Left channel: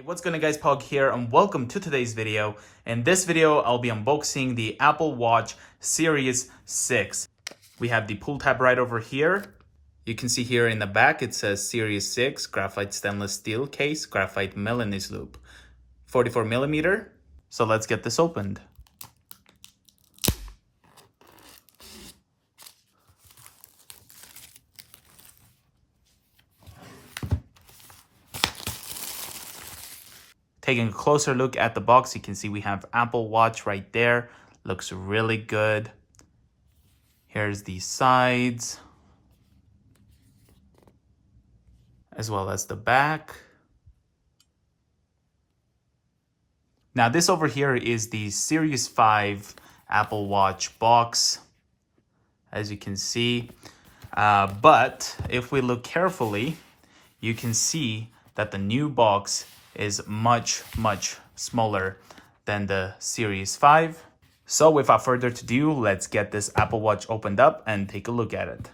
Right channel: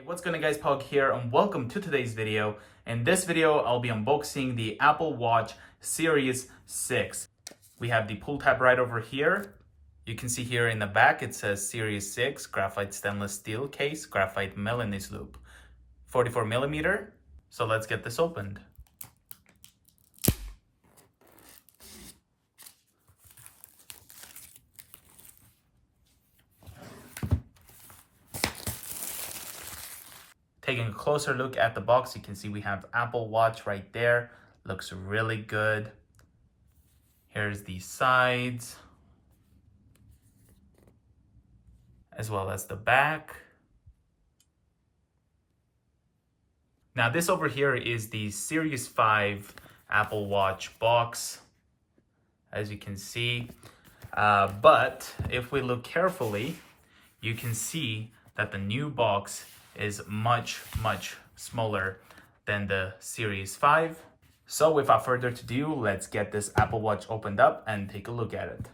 Hey, what's going on guys, Pog here and welcome to today's video. In this video, I'll be unboxing the Apple Watch Series 6. We have the pull tab right over here. You can see here in the back it says Series 6, graphite stainless steel case, graphite Milanese loop, 44mm. So let's get this opened. Taking a closer look at the box, you can see we have Apple Watch right there. Looks really good. Here's the sides, as well as the back. Now this over here is the Series 5 Apple Watch box, as you can see. But if we look carefully, you can see that the new box is much smaller than the Series 5. So without further ado, let's get this Apple Watch opened up and take a look at it.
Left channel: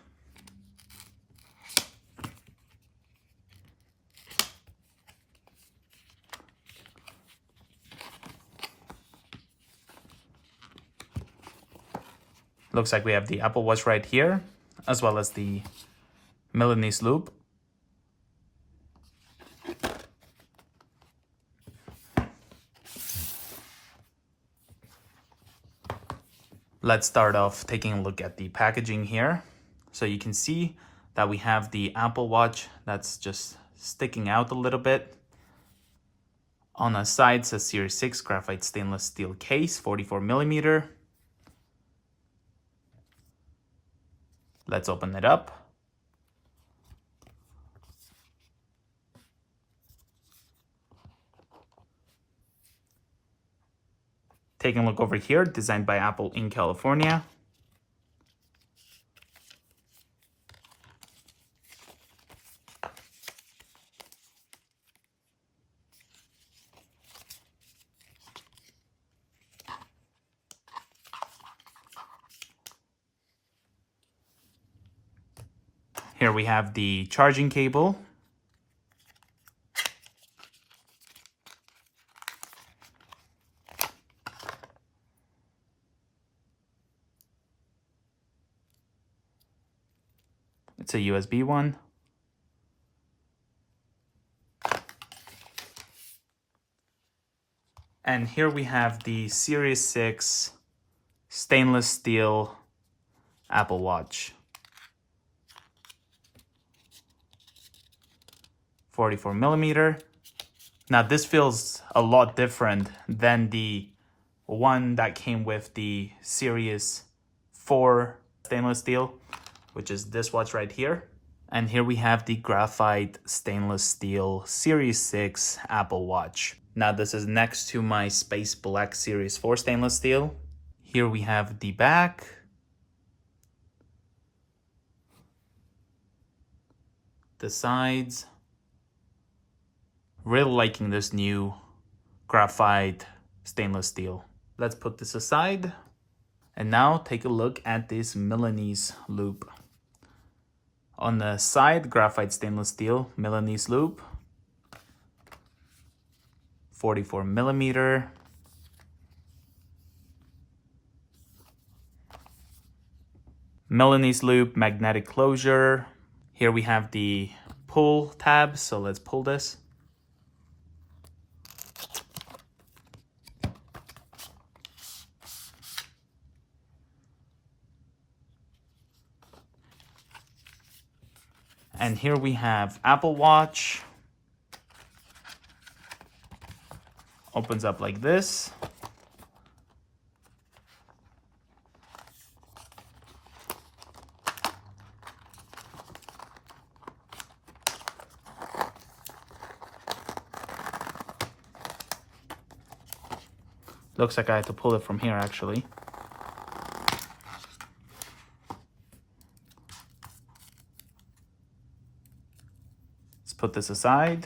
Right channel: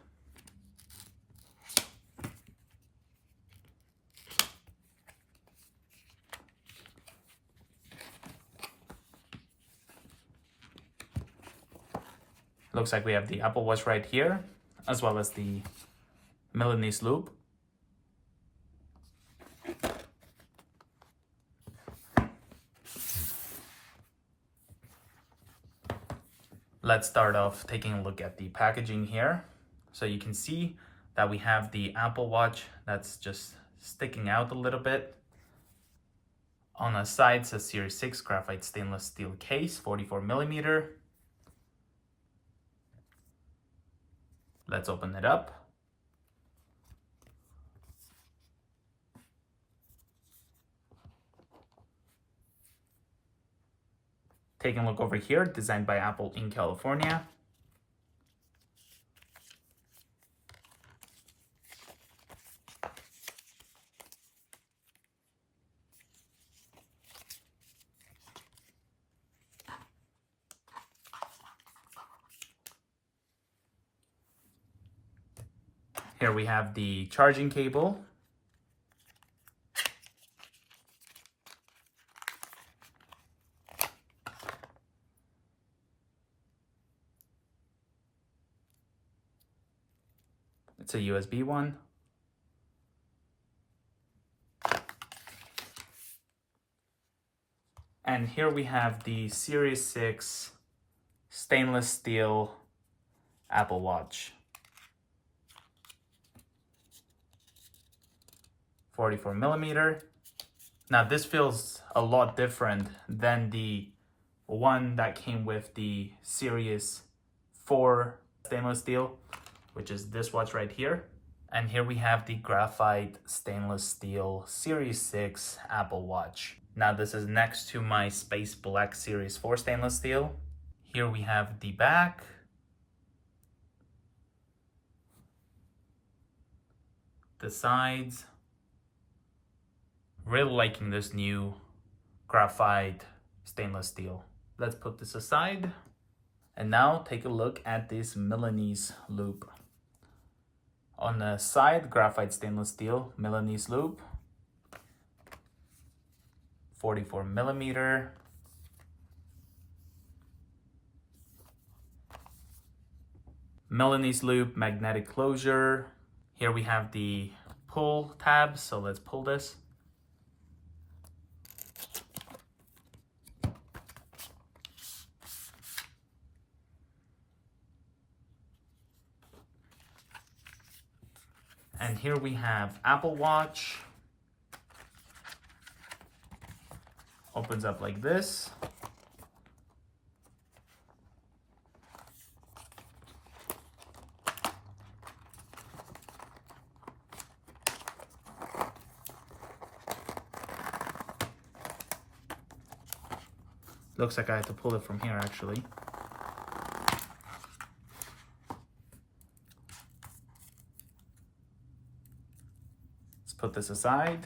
Looks like we have the Apple Watch right here, as well as the Milanese loop. Let's start off taking a look at the packaging here. So you can see that we have the Apple Watch that's just sticking out a little bit. On the side says Series 6 graphite stainless steel case, 44mm. Let's open it up. Taking a look over here, designed by Apple in California. Here we have the charging cable. It's a USB one. And here we have the Series 6 stainless steel Apple Watch. 44mm. Now this feels a lot different than the one that came with the Series 4 stainless steel, which is this watch right here. And here we have the graphite stainless steel Series 6 Apple Watch. Now this is next to my Space Black Series 4 stainless steel. Here we have the back. The sides. Really liking this new graphite stainless steel. Let's put this aside. And now take a look at this Milanese loop. On the side, graphite stainless steel Milanese loop, 44mm. Milanese loop, magnetic closure. Here we have the pull tab, so let's pull this. And here we have Apple Watch. Opens up like this. Looks like I had to pull it from here actually. Put this aside.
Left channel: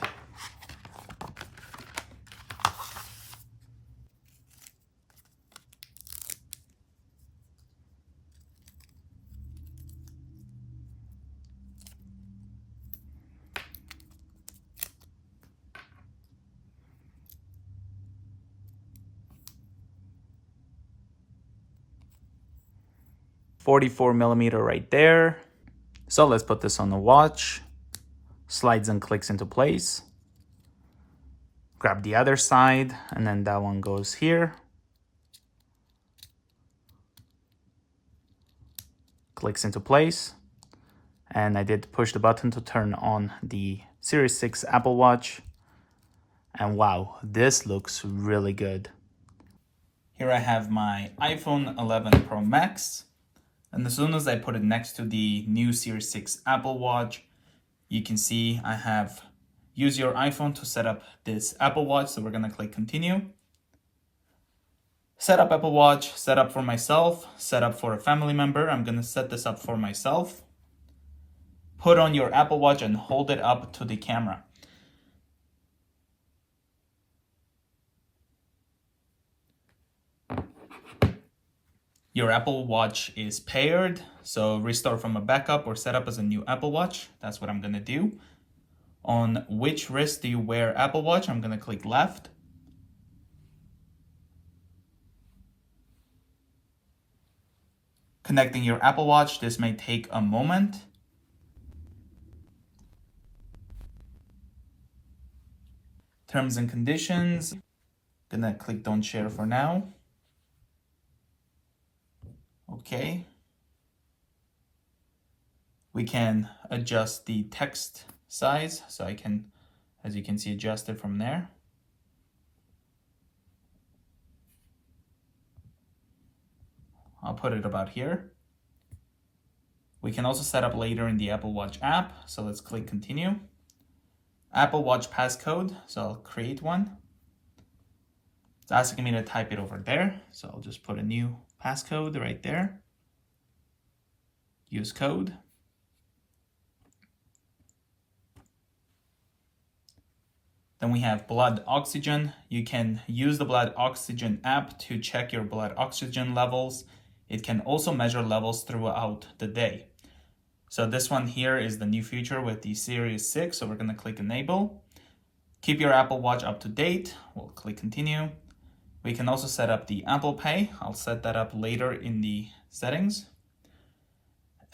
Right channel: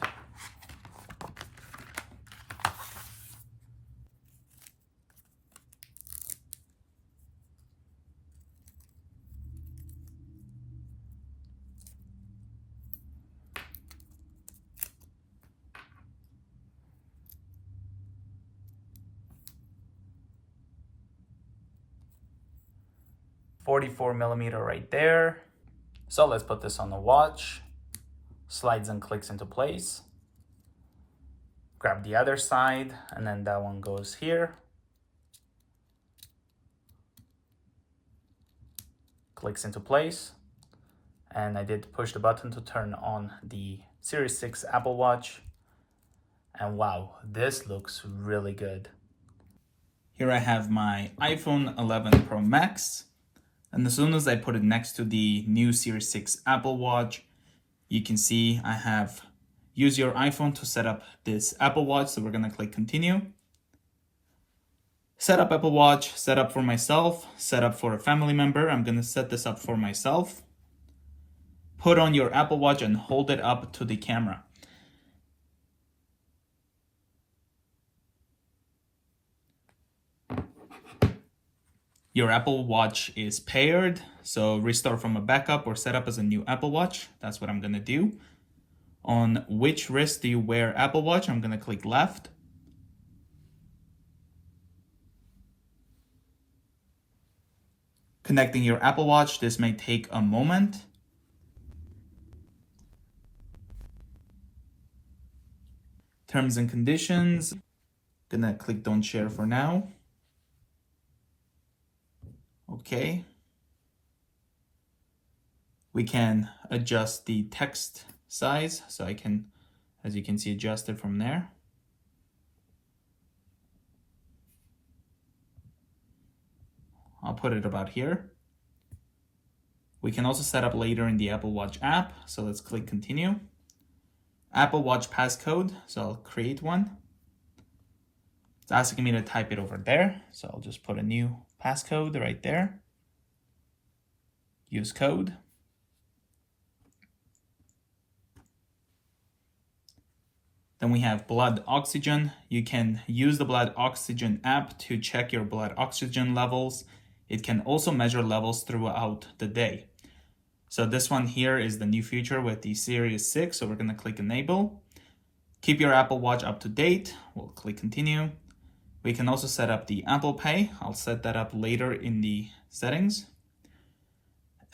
44 millimeter right there. So let's put this on the watch. Slides and clicks into place. Grab the other side, and then that one goes here. Clicks into place. And I did push the button to turn on the Series 6 Apple Watch. And wow, this looks really good. Here I have my iPhone 11 Pro Max. And as soon as I put it next to the new Series 6 Apple Watch, you can see I have use your iPhone to set up this Apple Watch. So we're gonna click continue. Set up Apple Watch, set up for myself, set up for a family member. I'm gonna set this up for myself. Put on your Apple Watch and hold it up to the camera. Your Apple Watch is paired, so restart from a backup or set up as a new Apple Watch. That's what I'm gonna do. On which wrist do you wear Apple Watch? I'm gonna click left. Connecting your Apple Watch, this may take a moment. Terms and conditions, gonna click don't share for now. Okay. We can adjust the text size, so I can, as you can see, adjust it from there. I'll put it about here. We can also set up later in the Apple Watch app, so let's click continue. Apple Watch passcode, so I'll create one. It's asking me to type it over there, so I'll just put a new passcode right there. Use code. Then we have blood oxygen. You can use the blood oxygen app to check your blood oxygen levels. It can also measure levels throughout the day. So this one here is the new feature with the Series 6. So we're gonna click enable. Keep your Apple Watch up to date. We'll click continue. We can also set up the Apple Pay. I'll set that up later in the settings.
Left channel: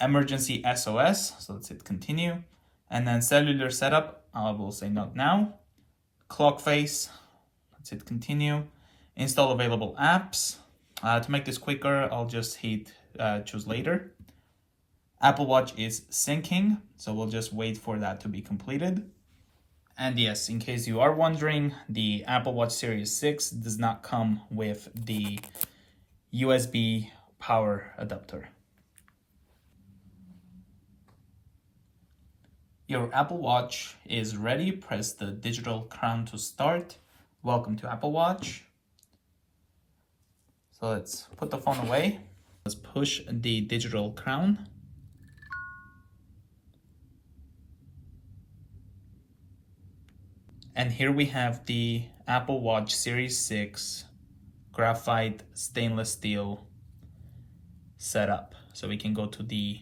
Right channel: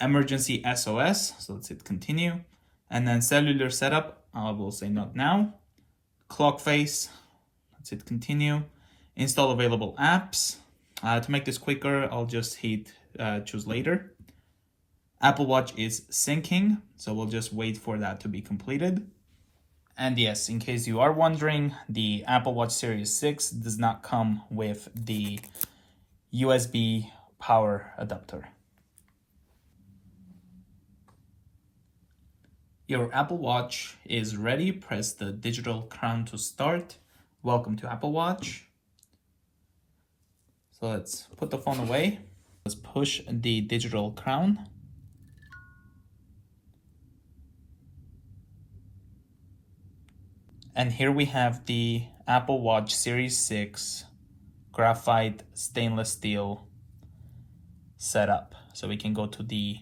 Emergency SOS, so let's hit continue. And then cellular setup, I will say not now. Clock face, let's hit continue. Install available apps. To make this quicker, I'll just hit choose later. Apple Watch is syncing, so we'll just wait for that to be completed. And yes, in case you are wondering, the Apple Watch Series 6 does not come with the USB power adapter. Your Apple Watch is ready. Press the digital crown to start. Welcome to Apple Watch. So let's put the phone away. Let's push the digital crown. And here we have the Apple Watch Series 6 Graphite stainless steel setup. So we can go to the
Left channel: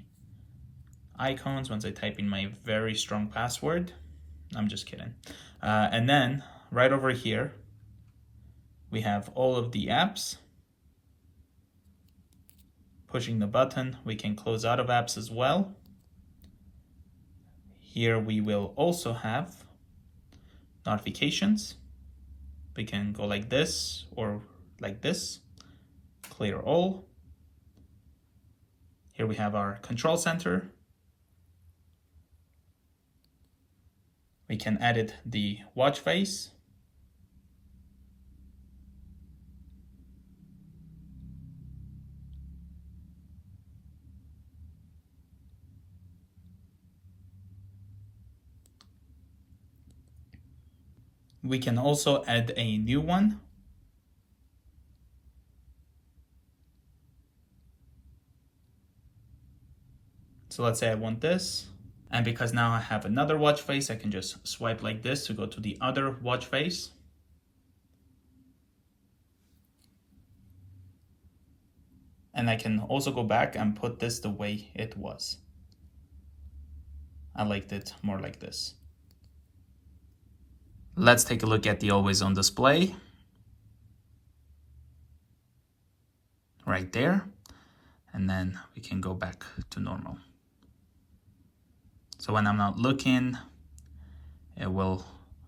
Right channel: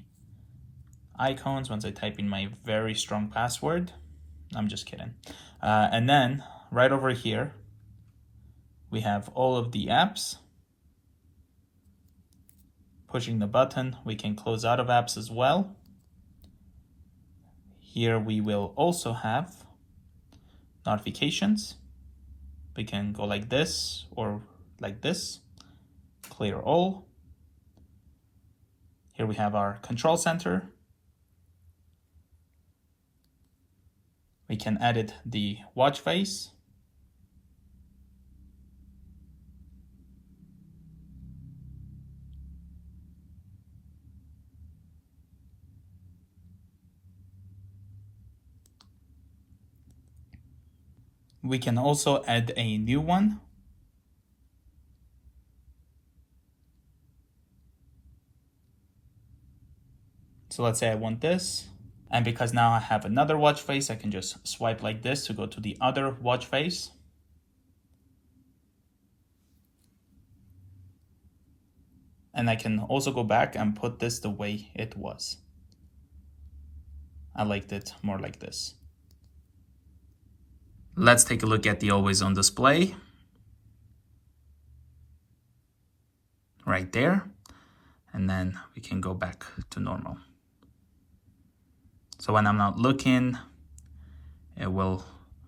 icons once I type in my very strong password. I'm just kidding. And then right over here, we have all of the apps. Pushing the button, we can close out of apps as well. Here we will also have notifications. We can go like this or like this. Clear all. Here we have our control center. We can edit the watch face. We can also add a new one. So let's say I want this. And because now I have another watch face, I can just swipe like this to go to the other watch face. And I can also go back and put this the way it was. I liked it more like this. Let's take a look at the always on display. Right there. and then we can go back to normal. So when I'm not looking, it will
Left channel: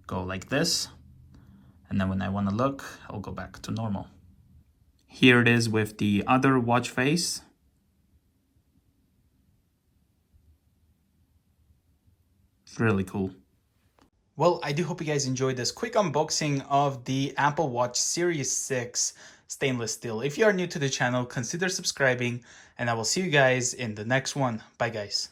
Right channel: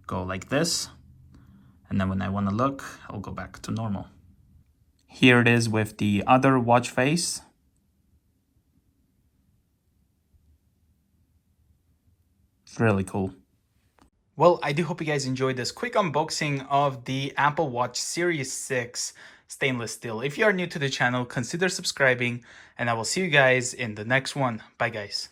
go like this. And then when I want to look, I'll go back to normal. Here it is with the other watch face. It's really cool. Well, I do hope you guys enjoyed this quick unboxing of the Apple Watch Series 6 stainless steel. If you are new to the channel, consider subscribing, and I will see you guys in the next one. Bye, guys.